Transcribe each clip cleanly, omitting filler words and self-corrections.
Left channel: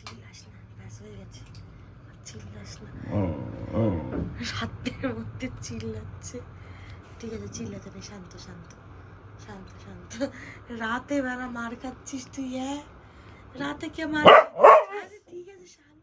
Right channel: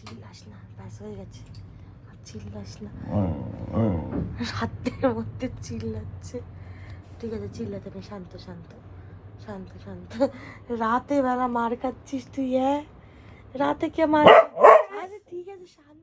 চিল্লাস না, ব্যাস হয়ে গেছে, আর চিল্লাস না। রাতের মধ্যে চিল্লাচ্ছে। ঠিক আছে, চিল্লাতে নেই, শান্ত শান্ত শান্ত শান্ত। রাতে বেলা মার খাচ্ছিস তুই? হ্যাঁ, রাতে কে মার? আরে ঠিক আছে, শান্ত।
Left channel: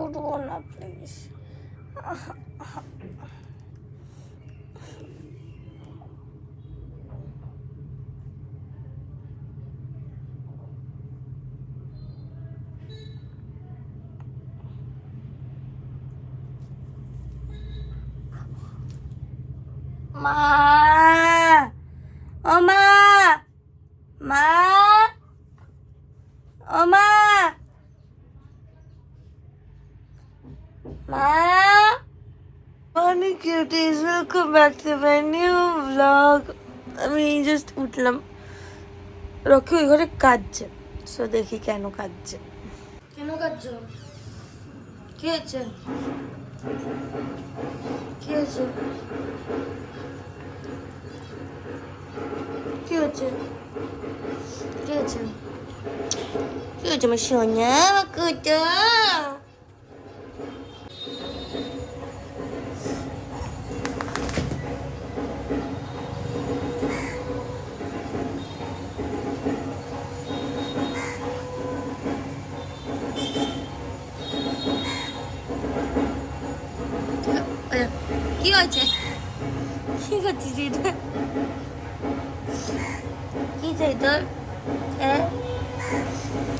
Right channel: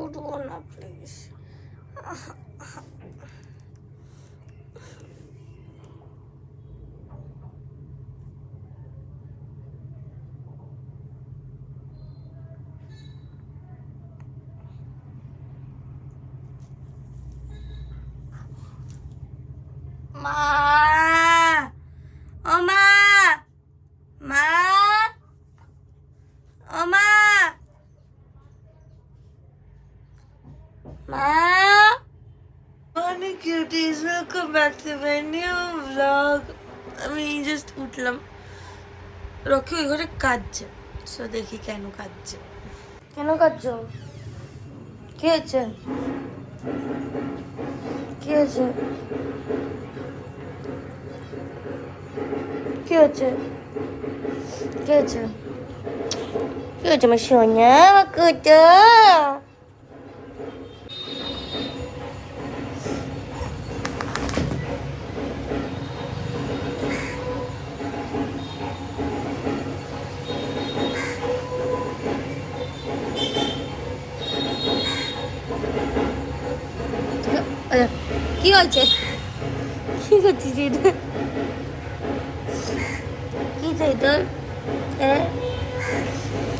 উঠবো না প্লিজ। মা, ও মা, মা, ও মা, মা। অনেক cuties, welcome back to my new blog. আমি জাস্ট উঠলাম, রকি ওই ঘরে কাঁদছে। সো দেখি কেন কাঁদছে। কেন কাঁদছো? কি হয়েছে? কি হয়েছে? কি হয়েছে? কি হয়েছে? কি হয়েছে আমার সোনা? আমার কুটো কি হয়েছে? কি করছিস এটা? কি চাই তোর? হ্যাঁ,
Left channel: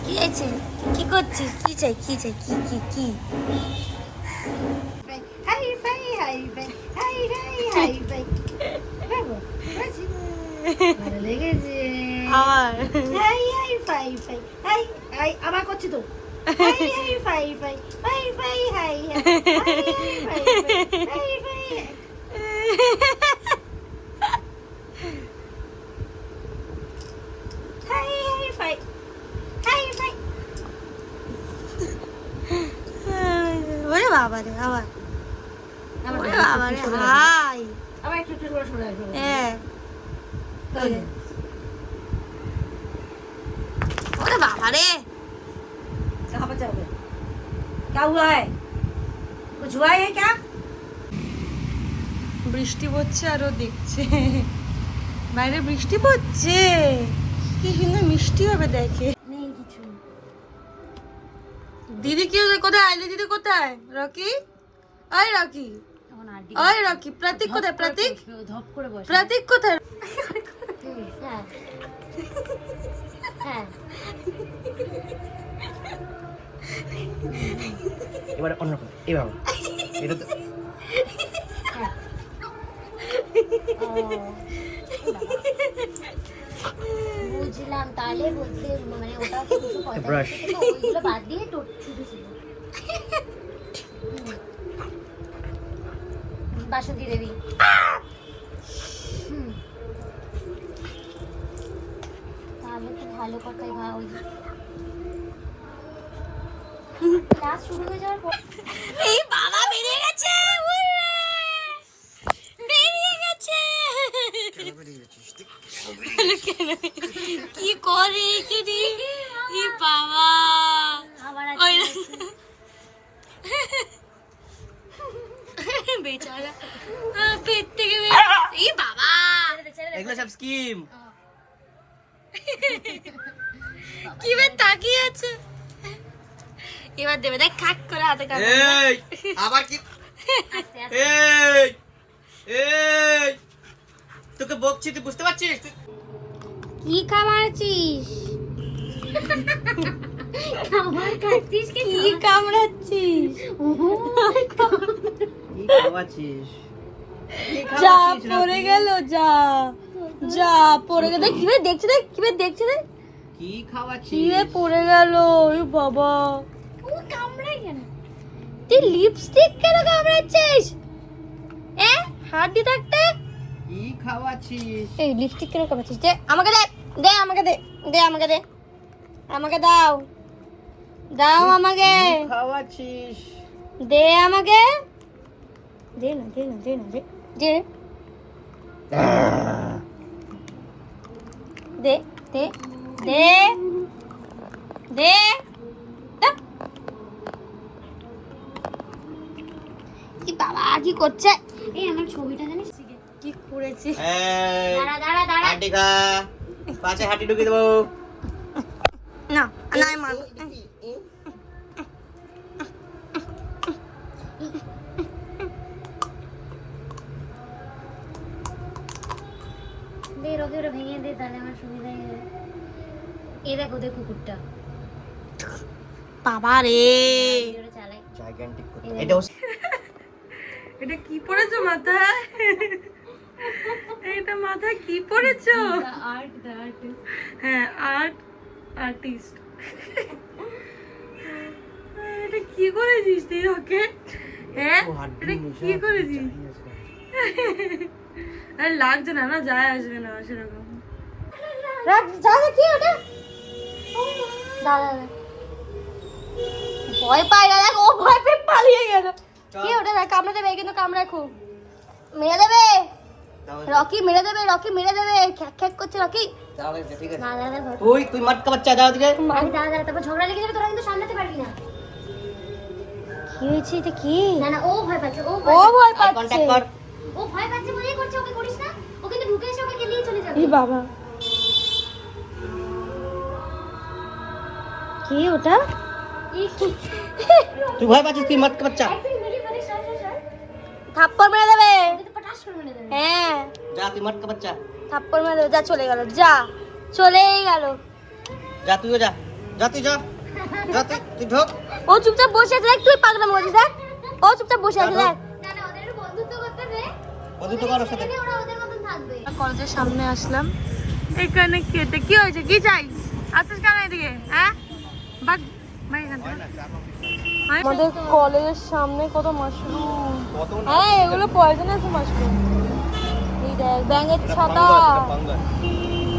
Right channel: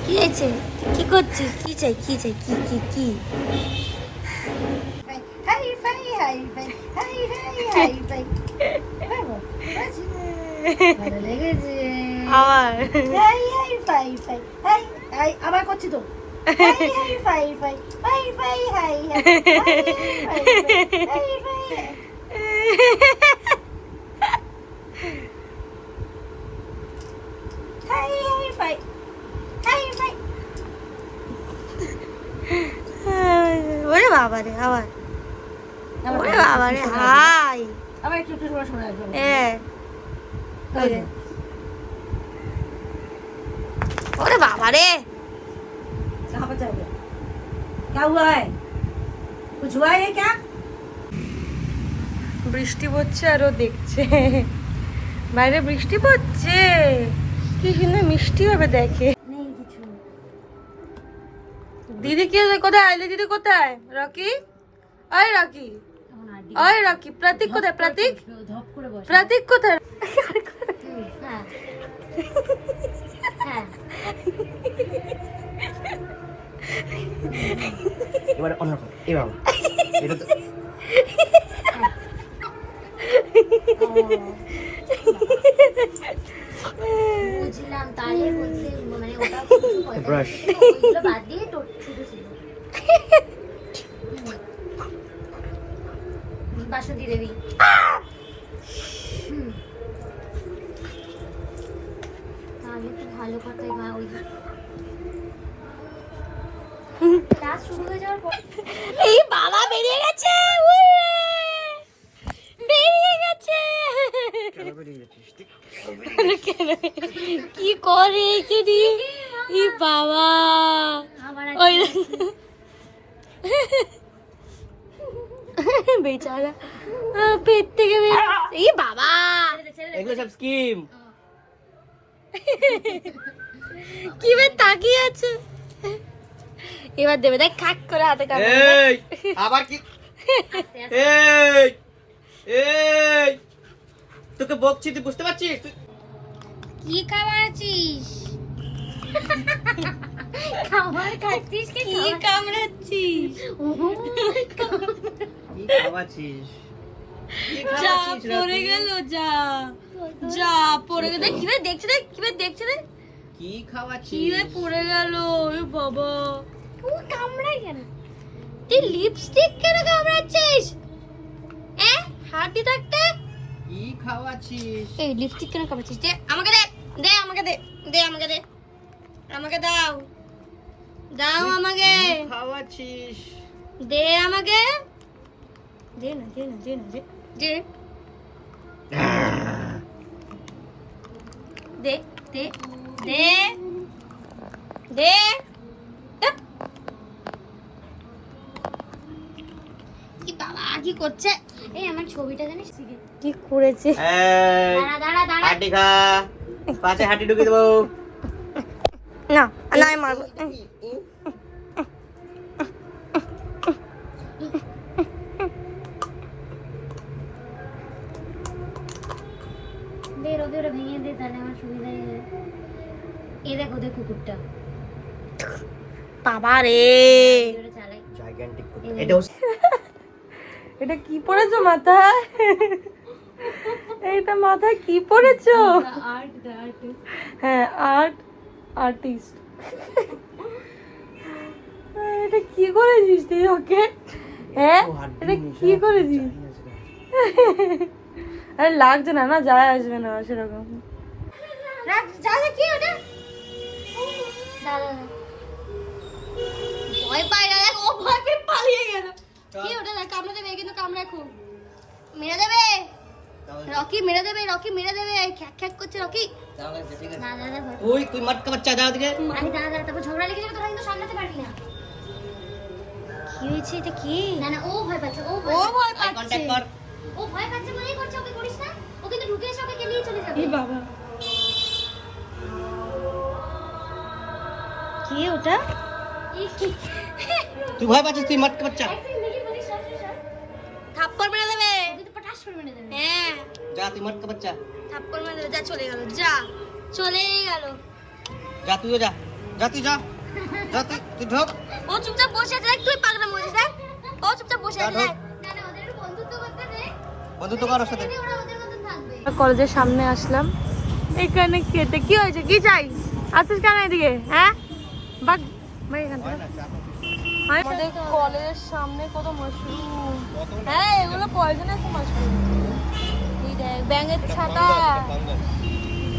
কি হয়েছে? কি করছিস? কি চাই? কি চাই? কি কি কি? হাই ফাই হাই ফাই হাই হাই হাই ফাই ভালো লেগেছে আমার হাই হাই ফাই ফাই হাই হাই আবার করছি তো হাই হাই ফাই ফাই হাই ফাই হাই হাই ফাই হাই ফাই হাই হাই ফাই হাই ফাই ওরে বাবা রে, আবার ওরে বাবা রে, হাই। আবার একটু একটু করে শোনা আসবে হ্যাঁ, ওরে বাবা রে। कहाँ पर जाओगे क्या हुआ है कुछ हुआ है क्या বৃষ্টি পড়ছে আর ও দেখছে বাইরে বৃষ্টি পড়ছে, কি কিন্তু মিষ্টি হবে দেখে। नहीं कुछ দিদি কি কোথায়? আইলে দিদি কোথায়? রকি, ওই রকি, ওই রকি। প্রতীক কোথায়? প্রতীক, ধপ করে বস প্রতীক কোথায়? হ্যাঁ হ্যাঁ এবারে অন্যরকম, এবার এটা তো বুঝলাম তাহলে বুঝলে মানে ওটা ব্রাশ ওইগুলো বাদ দিয়ে তো ছোট ছিল বাসন্তী দেবী তাহলে তো ভালো কথাই ওই ক্লাস শুরু হয়ে যাওয়ার পর এই বাবা বেরিয়ে গেছে, উড়ে বেরিয়ে গেছে। কি করে এখানে? এই বাবা, ওই বেচারা পেট থেকে এই বাবা। এগুলো সব স্কিম। কি ভাই তাকিয়ে আছে? এবার দেবে, দেখ খাক করে হাতে কাটবে। এই আবার কি? এই এই তোকে বকছি, তুই বুঝতে পারছিস? কি কামড়াচ্ছিস? খাবার খাচ্ছিস কি কি কামড়াচ্ছিস? কি খাওয়াচ্ছিস? যা পড়ে গেল, যা যা পড়ে গেল। দেখ কিভাবে দেখছে, দেখ কিভাবে দেখছে, দেখ কি খাওয়াচ্ছিস? কি রে পড়ে গেল? ওই বাবা, ও কামড়ায় কেন? তুই লিপস্টিক কেন কামড়াচ্ছিস? হাড্ডি থাকতে কি খাওয়াচ্ছিস? এই লিপস্টিক কেন কামড়াচ্ছিস? দে আমাকে, দে দে আমাকে, দে দে আমাকে, দে আমাকে, দাও দাও আমাকে, কি খাওয়াচ্ছিস? দে আমাকে, দে না, দে না, দে না, দে দে দে দে দে দে। ধ্যাৎ। কি বাবা কি করছে? এই আমার ছবিটা জানিস কি করেছে? এই, দাঁড়া দাঁড়া দাঁড়া হাঁটি খা, পাশে হাঁটি ঢুকে দেবো। না না আমি মারবো। দে রোদে ওরা ভেঙে দে, তাহলে আমার সুবিধা হবে। এই দেখ ওদের কুকুরটা বাবা রে, ওরা চালায়। Gigantic কুকুর। এটাও এটা কি পড়েছো মাথায়? এইটা মাথায় কি পড়েছো? আর্ট দা আর্টিস্ট। হ্যাঁ, আর্টিস্ট। এটা কি করেছিস তুই ওকে? হ্যাঁ, এটা কি করেছিস? আরে লাগছে না, না যায় আসবে না সেরকম। রাখ যা যা কি ওটা? দাদা ভয় পায় না, দেখ ও ভয় পেয়ে পালিয়ে গেল। কি ওটা? দেখ কামড়ে দেবে, কিন্তু কামড়ায় খুব, মেরে দেবে রকি, মেরে দেবে রকি, মেরে দেবে। খ্যাক খ্যাক করছে রকি। ঠিক আছে। না দাদা ভয় তুই মাটকা বাচ্চা, দাও দিকে। আরে দাদা তারপর ঝগড়া লেগে যাবে, তোরা কিন্তু সামলাতে পারবি না। কি হয়েছে? এটা কি? না না ও ভয় পাচ্ছে, ও ও ভয় আই পাচ্ছে। কন্টাক্ট কর। ও ভয় পাচ্ছে বলেই করছে, ওকে করিস না। ও কিন্তু ঢুকে এসে ওকে নিয়ে চলে যাবে। ই বাবা, কি ওটা? তুই ভয় পাচ্ছিস? তুই মাটকা বাচ্চা। থাপ্পড় মেরে দেবে। ওকে তো পটাশ করে মেরে দেবে। হ্যাঁ, যা, তুই মাটকা বাচ্চা। থাপ্পড় মেরে দেবে। যা চলে গেল, যা চলেই গেল। যা, তুইও যা। যা তুই, যা। যা তুই ঢোক। ও চুপচাপ বসে আছে, দেখ তুই পাগলাম করছিস। দেখ ও চুপচাপ বসে আছে, দেখ। না না ওদের একটু বন্ধুত্ব করতে দে, বন্ধুত্ব কর ওর সাথে। ওরা ওদের মতন থাকবে। কলেজের সামনে আসলাম। এখানে খেতে কি হয়েছে? কি চাই? আসিস কেন এদিকে? হ্যাঁ, বাগ ভাই এখান থেকে। আমাদের কলেজের সামনে কত মাশরুম। কত না? হ্যাঁ, এগুলো পয়জনাস মাশরুম। এই দেখ ব্যাঙের ছাতা,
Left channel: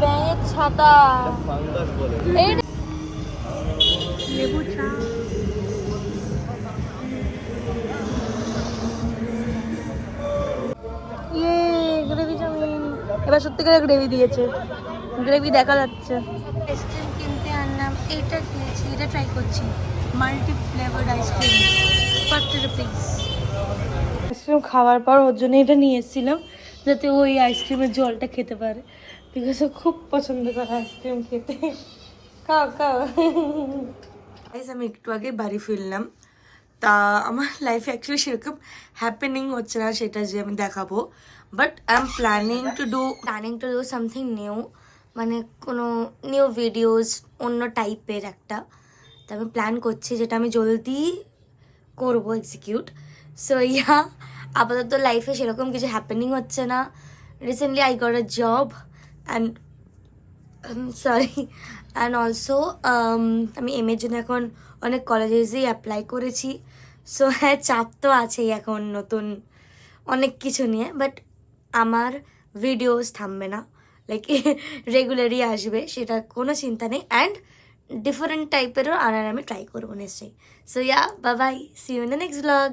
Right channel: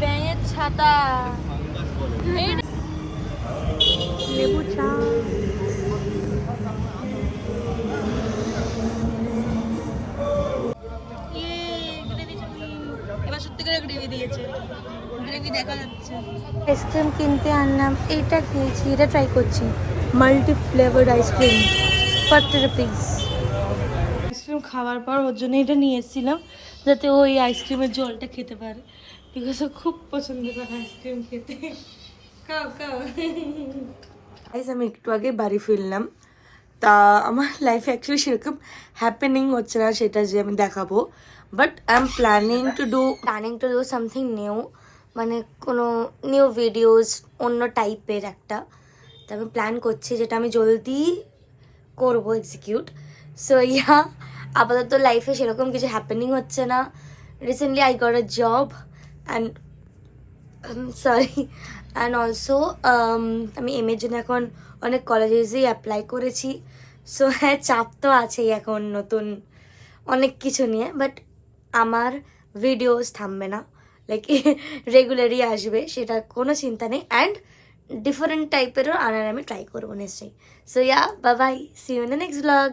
ব্যাঙের ছাতা। এই দেখ, লেবু চা। ইয়ে গ্রেভি চাউমিন। এবার সত্যিকারের গ্রেভি দিয়েছে, গ্রেভি দেখা যাচ্ছে। আইসক্রিম কিনতে আনলাম, এইটা খেয়েছি, এটা ট্রাই করছি। Multi flavoured ice cream, 40 rupees. Ice cream খাওয়ার পর ওর জন্য এটা নিয়ে এসেছিলাম, যাতে ওই আইসক্রিমের জলটা খেতে পারে, বিকজ ও খুব পছন্দ করে আইসক্রিম খেতে। খাও খাও। আমি একটু আগে বাড়ি ফিরলাম। তা আমার লাইফে অ্যাকচুয়ালি সেরকম হ্যাপেনিং হচ্ছে না সেটা যে আমি দেখাবো, but I am planning to do something new, মানে কোনো নিউ ভিডিওস অন্য টাইপের একটা। তা আমি প্ল্যান করছি যেটা আমি জলদি করবো এক্সিকিউট। সো ইয়া, আপাতত লাইফে সেরকম কিছু হ্যাপেনিং হচ্ছে না। Recently I got a job and and also আমি এম এর জন্য এখন অনেক কলেজেসেই অ্যাপ্লাই করেছি। সো হ্যাঁ, চাপ তো আছেই এখন নতুন অনেক কিছু নিয়ে, বাট আমার ভিডিওস থামবে না, লাইক রেগুলারই আসবে, সেটা কোনো চিন্তা নেই। অ্যান্ড ডিফারেন্ট টাইপেরও আনার আমি ট্রাই করবো নিশ্চয়ই। So yeah, bye bye, see you in the next blog.